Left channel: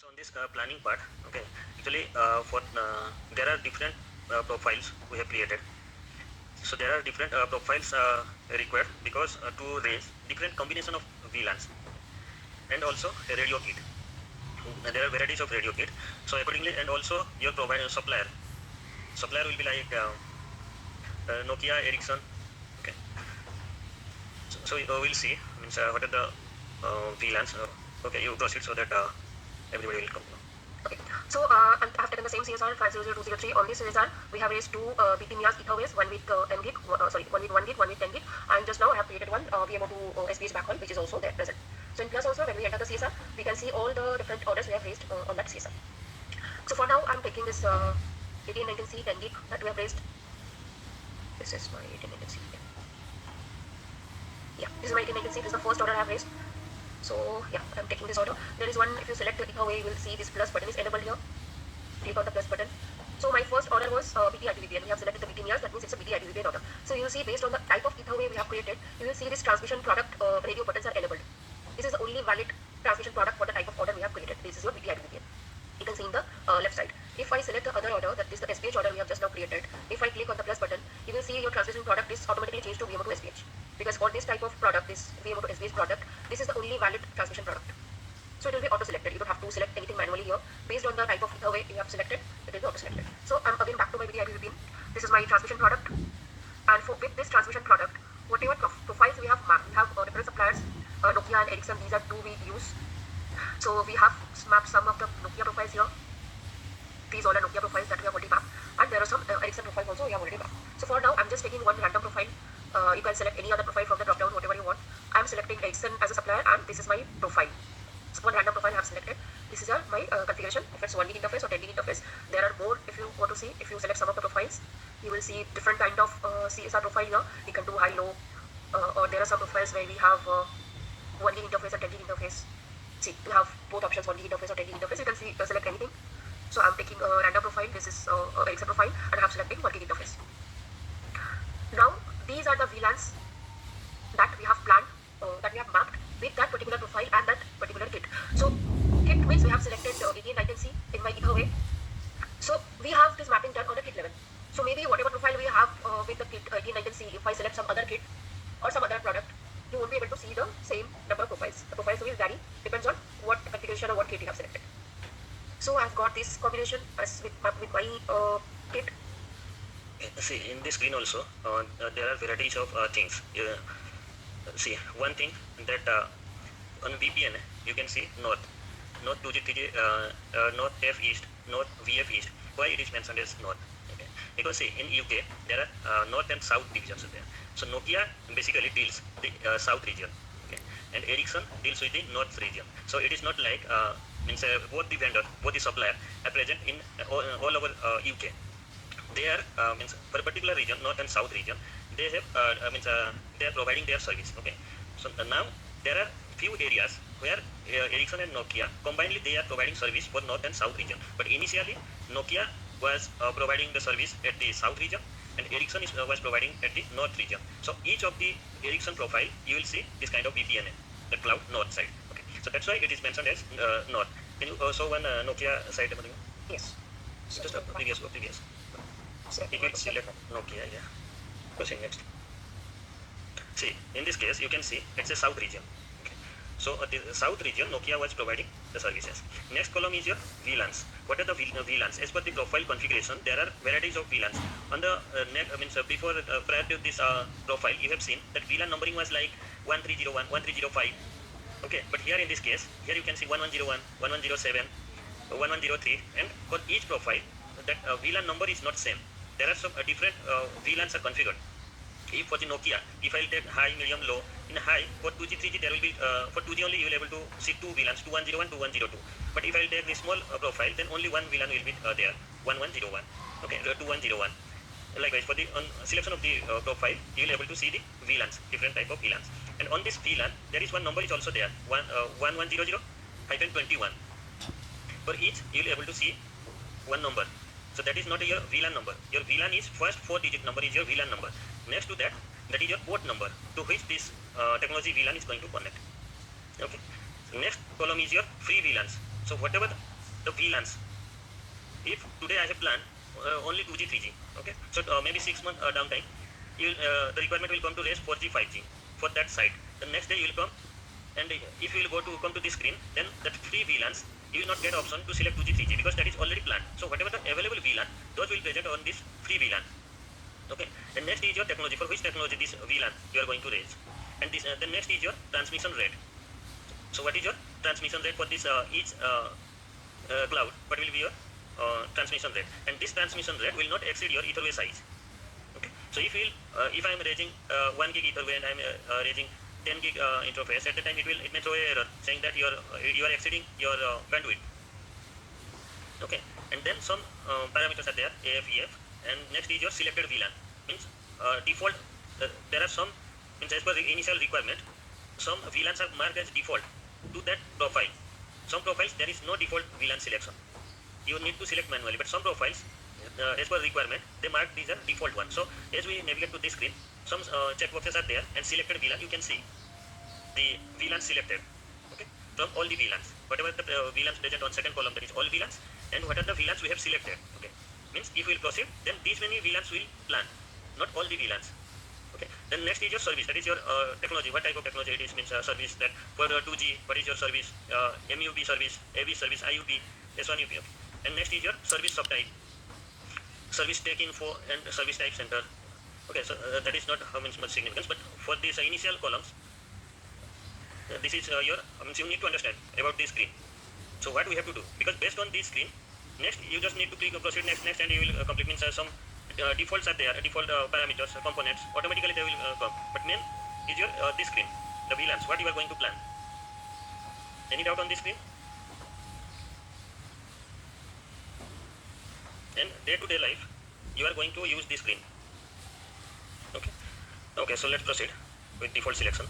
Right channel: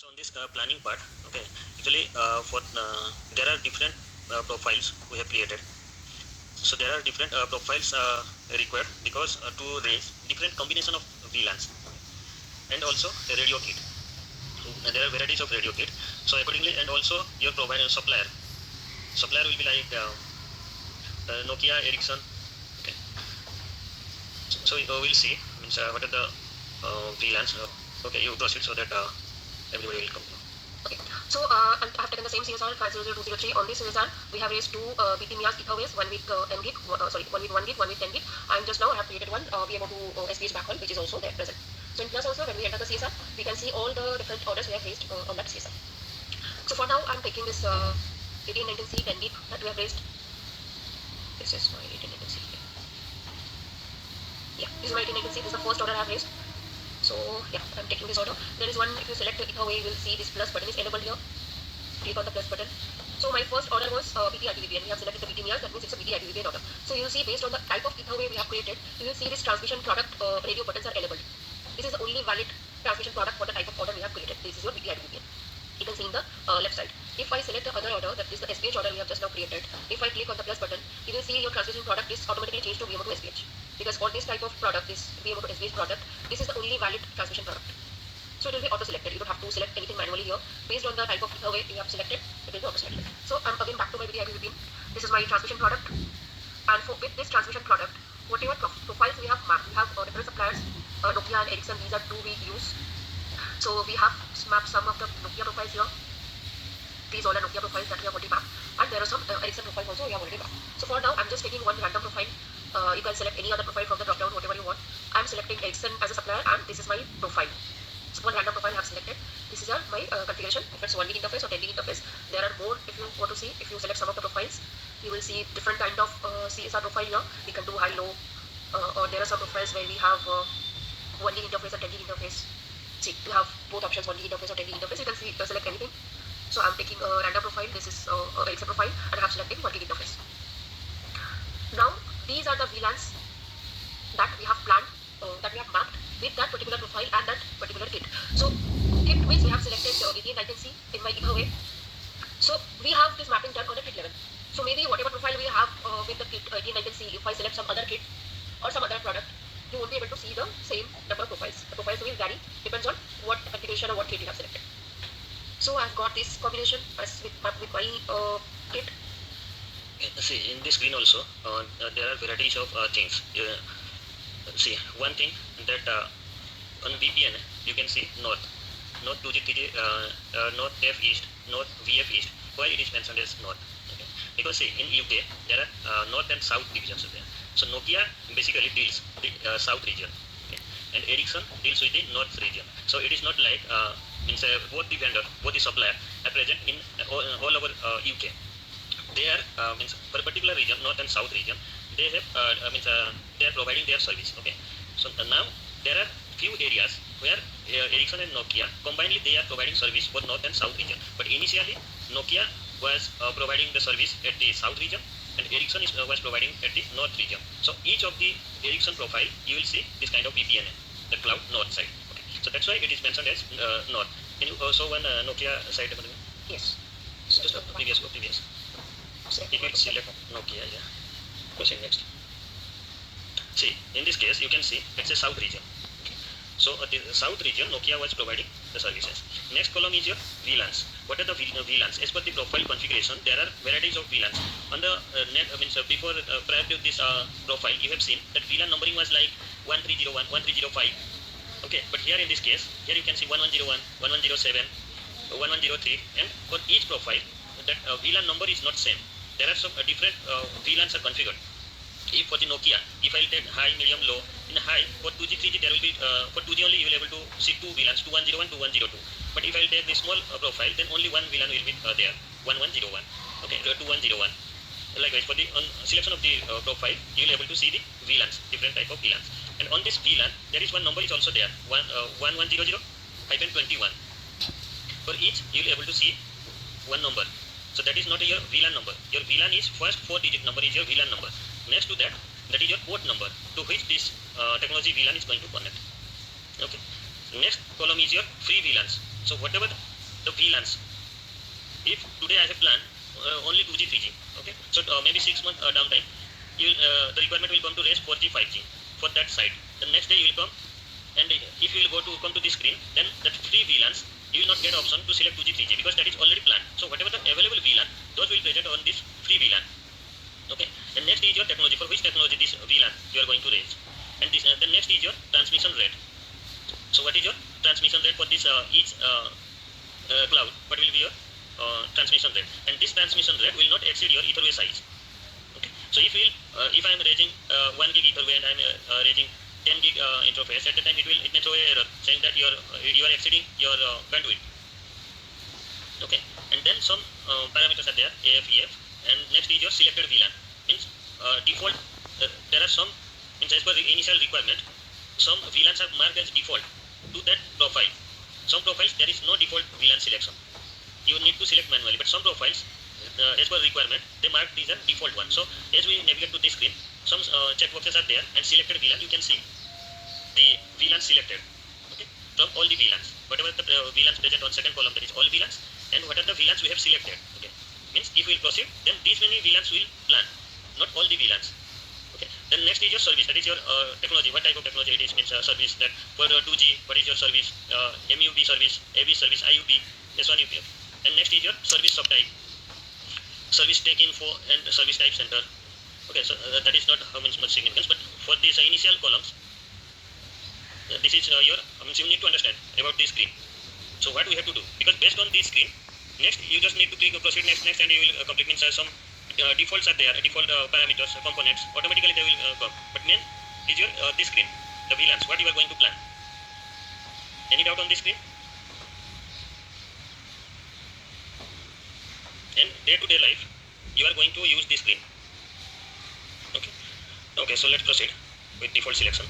So on this planning part, okay, actually for there are different profiles we have created. So there are different profiles required because to raise different combination of VLANs and also a radio kit. There are varieties of radio kit. So accordingly, and also your provider supplier will be like Nokia, Ericsson. Okay, so we'll see. Means what are the VLANs? Okay, you proceed so that everybody will come. Okay, so I have taken the same CSR 500203. On this CSR, we have raised two BPMIAs gigaways, one with N gig, one with 1 gig, one with 10 gig, and just now I have created one VMO2 SPH backhaul, which is also there present. So in plus also, when we enter the CSR, we can see all the different orders we have raised on that CSR. So for now, I'm taking this 1819C 10 gig that we have raised. This is my 1819C. Yeah, this is my 1819C. This is the first order I have raised. So yeah, I'm taking this order. There is one, if you select either way, you will see this plus button is enabled here. Click on the plus button. So my first order was BT-IPVP, and we have selected the BT-MIAs, that means it's a BT-IPVP order. So you will see based on the type of ether wave we have created, you will see this transmission product radio buttons are enabled. This is the only valid transmission product for the type of order we have created. This is your BT-IPVP. You can see in the left side. If I select the other order, that is the SPH order we have just now created, if I click on the plus button, you will see your transmission product is automatically changed to VMO2 SPH. Because for this type of product, this VMO2 SPH product, this is the only valid transmission product. So it will be auto-selected. You don't have to select anything manually here. Based on the type of ether wave you have selected, it will be auto-selected. So I'm again back to my BT-IPVP. This is my transmission product. And with this transmission product, whatever profiles we have mapped, we have different suppliers, Nokia and Ericsson, these are two we use. So we have mapped some of the Nokia profiles here. These all are Nokia profiles that we have already mapped. And there are some Ericsson profiles also we have already mapped. So for now, I'm just taking one random profile. You can select any other profile from the drop down, whatever you want. I'm selecting Ericsson as a supplier, and this is my profile. So one random profile I have selected. This is my configuration. If it's 1 gig interface or 10 gig interface, there are more. If you want to see, if you select some of the profiles, you will see different kind of CSR profile here. You can do high, low, or there are some profiles where we have 1 gig interface and 10 gig interface. See, we have both options, 1 gig interface or 10 gig interface. You can see select anything. So I'm taking a random profile. This is Ericsson profile, and I'm selecting 1 gig interface. Now these are the VLANs that we have planned, that we have mapped with that particular profile and that particular kit. So kit means we have selected 1819C in my ether way. So we have this mapping done on a kit level. So maybe whatever profile we have with the kit 1819C, if I select some other kit or some other product, you won't be able to see the same number of profiles. The profiles will vary, depends on what configuration or what kit you have selected. So I've got this combination as with my kit. See, in this screen also there are varieties of things. See, one thing that on VPN you can see north 2G, 3G, north F east, north VF east. Why it is mentioned as north? Okay. Because see, in UK there are north and south divisions there. So Nokia basically deals the south region, okay, and Ericsson deals with the north region. So it is not like means both the vendor, both the supplier are present in all over UK. They are means for a particular region, north and south region, they have means they are providing their service. Okay, so now there are few areas where Ericsson and Nokia combinedly they are providing service for north and south region. But initially Nokia was providing the service at the south region, and Ericsson was providing at the north region. So each of the Ericsson profile you will see this kind of VPN, the cloud north side. Okay, so that's why it is mentioned as north. Can you also one Nokia side? Yes. Just previous. If you select Nokia, yeah. Proceed next. See, in this case, you can see it's a south region. Okay. So the south region, Nokia was providing the services. Next column is your VLANs. What are the VLANs? As per the profile configuration, there are varieties of VLANs. On the net, before prior to this profile, you have seen that VLAN numbering was like 1301, 1305. Okay, but here in this case, here you can see 1101, 1107, 1103, and for each profile, that VLAN number is not same. There are some different VLANs are configured. If for the Nokia, if I'll take high, medium, low, in high, for 2G, 3G, there will be, for 2G only you will be able to see two VLANs, 2101, 2102. But if I'll take the small profile, then only one VLAN will be there, 1101, okay, 2101. Likewise, for the selection of the profile, you will be able to see the VLANs, different type of VLANs. And on this VLAN, there is one number is also there, 1100-21. For each, you will be able to see one number. So that is not your VLAN number. Your VLAN is first 4-digit number is your VLAN number. Next to that, that is your port number to which this technology VLAN is going to connect. Okay. Next column is your free VLANs. So whatever the VLANs. If today I have planned only 2G, 3G, okay, so maybe 6 months downtime, the requirement will come to raise 4G, 5G for that site. The next day you will come, and if you will come to this screen, then that free VLANs, you will not get option to select 2G, 3G because that is already planned. So whatever the available VLAN, those will present on this free VLAN. Okay. The next is your technology. For which technology this VLAN you are going to raise, and this the next is your transmission rate. So what is your transmission rate for this each cloud? What will be your transmission rate? And this transmission rate will not exceed your etherway size. Okay. So if I am raising 1 gig etherway and I am raising 10 gig interface, at the time it may throw an error saying that you are exceeding your bandwidth. Okay. And then some parameters are there, AF, and next is your selected VLAN. Means default. There are some, means as per the initial requirement, some VLANs are marked as default to that profile. Some profiles there is no default VLAN selection. You need to select manually, but some profiles, as per requirement, they mark these are default ones. So as we navigate to this screen, some checkboxes are there, and selected VLAN, you can see the VLAN selected. Okay, from all the VLANs, whatever the VLANs present on second column, that is all VLANs, and what are the VLANs we have selected. Okay, means if we will proceed, then these many VLANs will plan, not all the VLANs. Okay. Then next is your service. That is your technology. What type of technology it is? Means service that for 2G. What is your service? MUB service, AV service, IUP, S1 UP. And next is your service subtype, service take info, and service type center. Okay. So that is not how much significance, but for these initial columns, this is your. Means you need to understand about this screen. So what we have to do? Because based on this screen, next you just need to click proceed next, and you will complete. Means some defaults are there, default parameters, components, automatically they will come. But main is your this screen, the VLANs, what you are going to plan. Any doubt on this screen? And day-to-day life, you are going to use this screen. Okay. Okay. So let's proceed with default selection.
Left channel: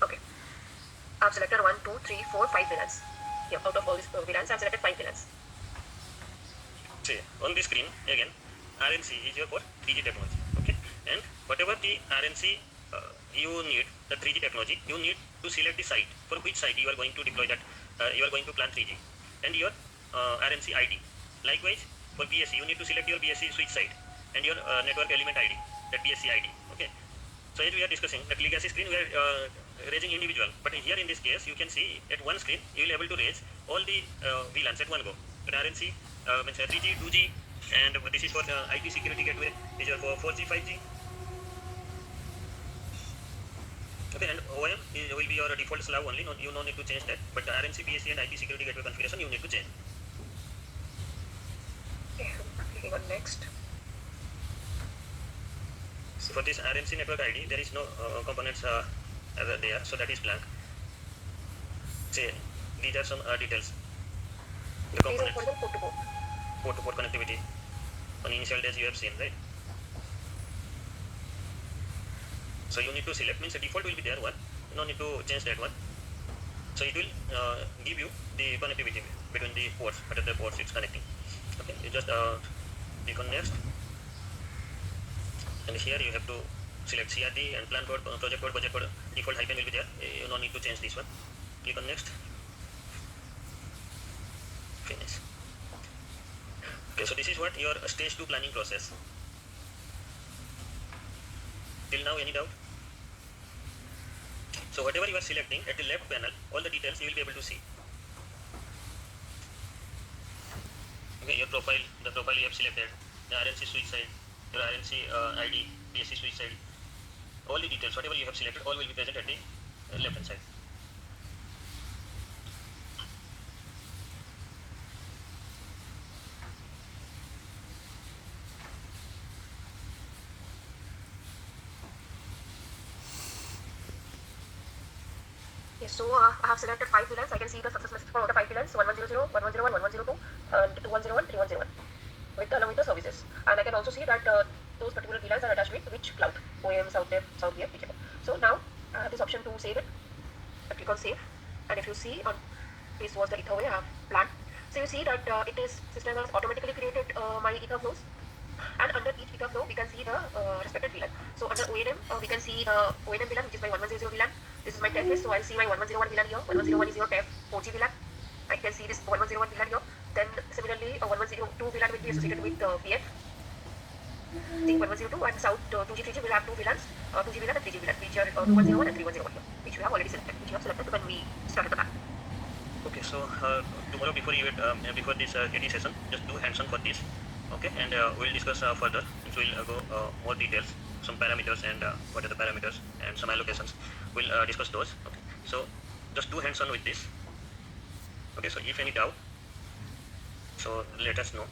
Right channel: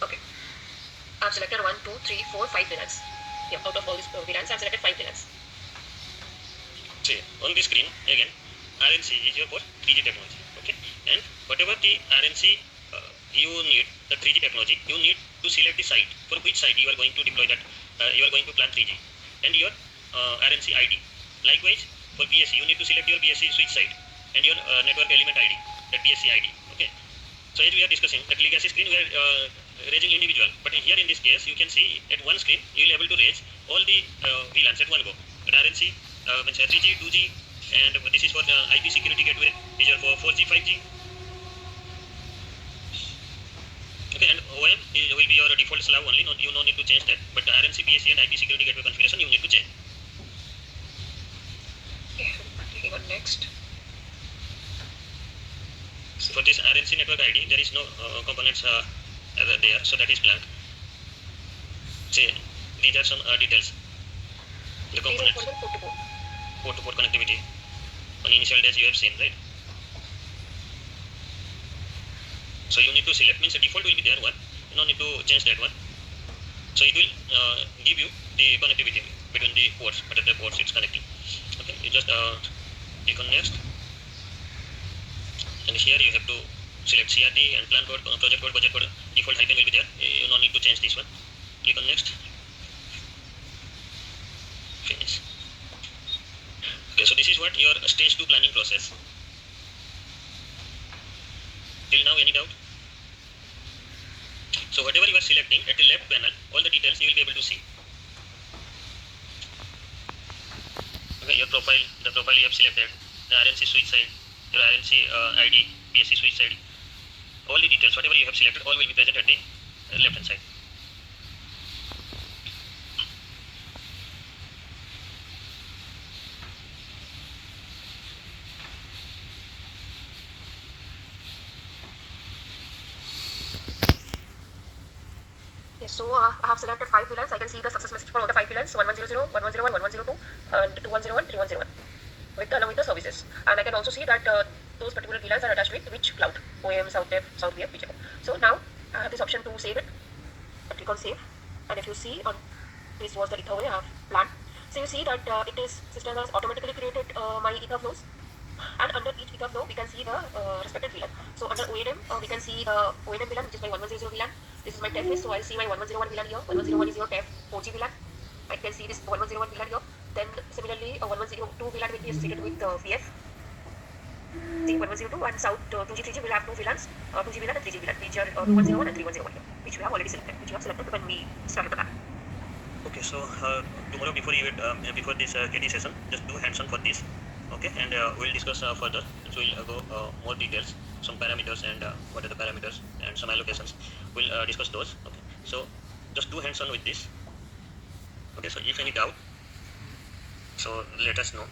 Okay. I've selected 1, 2, 3, 4, 5 VLANs. Yeah, out of all these VLANs, I've selected 5 VLANs. See, on this screen, again, RNC is your for 3G technology. Okay. And whatever the RNC you need, the 3G technology, you need to select the site. For which site you are going to deploy that, you are going to plan 3G. And your RNC ID. Likewise, for BSC, you need to select your BSC switch site and your network element ID, that BSC ID. Okay. So as we are discussing, that legacy screen, we are raising individual. But here in this case, you can see at one screen, you will be able to raise all the VLANs at one go. But RNC, means 3G, 2G, and this is for the IP security gateway, these are for 4G, 5G. Okay, and OM will be your default slab only, you no need to change that, but the RNC, BSC and IP security gateway configuration you need to change. Okay, clicking on next. So for this RNC network ID, there is no components there, so that is blank. See, these are some details. The components, port-to-port connectivity. On initial days you have seen, right? So you need to select, means the default will be there one, you no need to change that one. So it will give you the connectivity between the ports, what are the ports it's connecting. Okay, you just click on next, and here you have to select CRT and plan code, project code, budget code, default hyphen will be there, you no need to change this one. Click on next, finish. Okay, so this is what your stage 2 planning process. Till now, any doubt? So whatever you are selecting at the left panel, all the details you will be able to see. Okay, your profile, the profile you have selected, the RNC switch side, your RNC ID, BSC switch side, all the details, whatever you have selected, all will be present at the left hand side. Yes, so I have selected 5 VLANs. I can see the success message for all the 5 VLANs, 1100, 1101, 1102, and 2101, 3101, along with the services. And I can also see that those particular VLANs are attached with which cloud, OM, SouthDev, SouthVF, whichever. So now I have this option to save it. I click on save, and if you see on this was the ether way I have planned. So you see that it is system has automatically created my ether flows, and under each ether flow we can see the respective VLAN. So under ONM we can see the ONM VLAN, which is my 1100 VLAN. This is my TEF list, so I see my 1101 VLAN here. 1101 is your TEF 4G VLAN. I can see this 1101 VLAN here. Then similarly, 1102 VLAN will be associated with VF. See 1102 and South 2G 3G will have two VLANs, 2G VLAN and 3G VLAN, which are 2101 and 3101 here, which we have already selected, which we have selected when we started the map. Okay, so tomorrow before before this KT session, just do hands-on for this. Okay, and we'll discuss further. So we'll go more details, some parameters and what are the parameters and some allocations. We'll discuss those. Okay, so just do hands-on with this. Okay, so if any doubt, so let us know.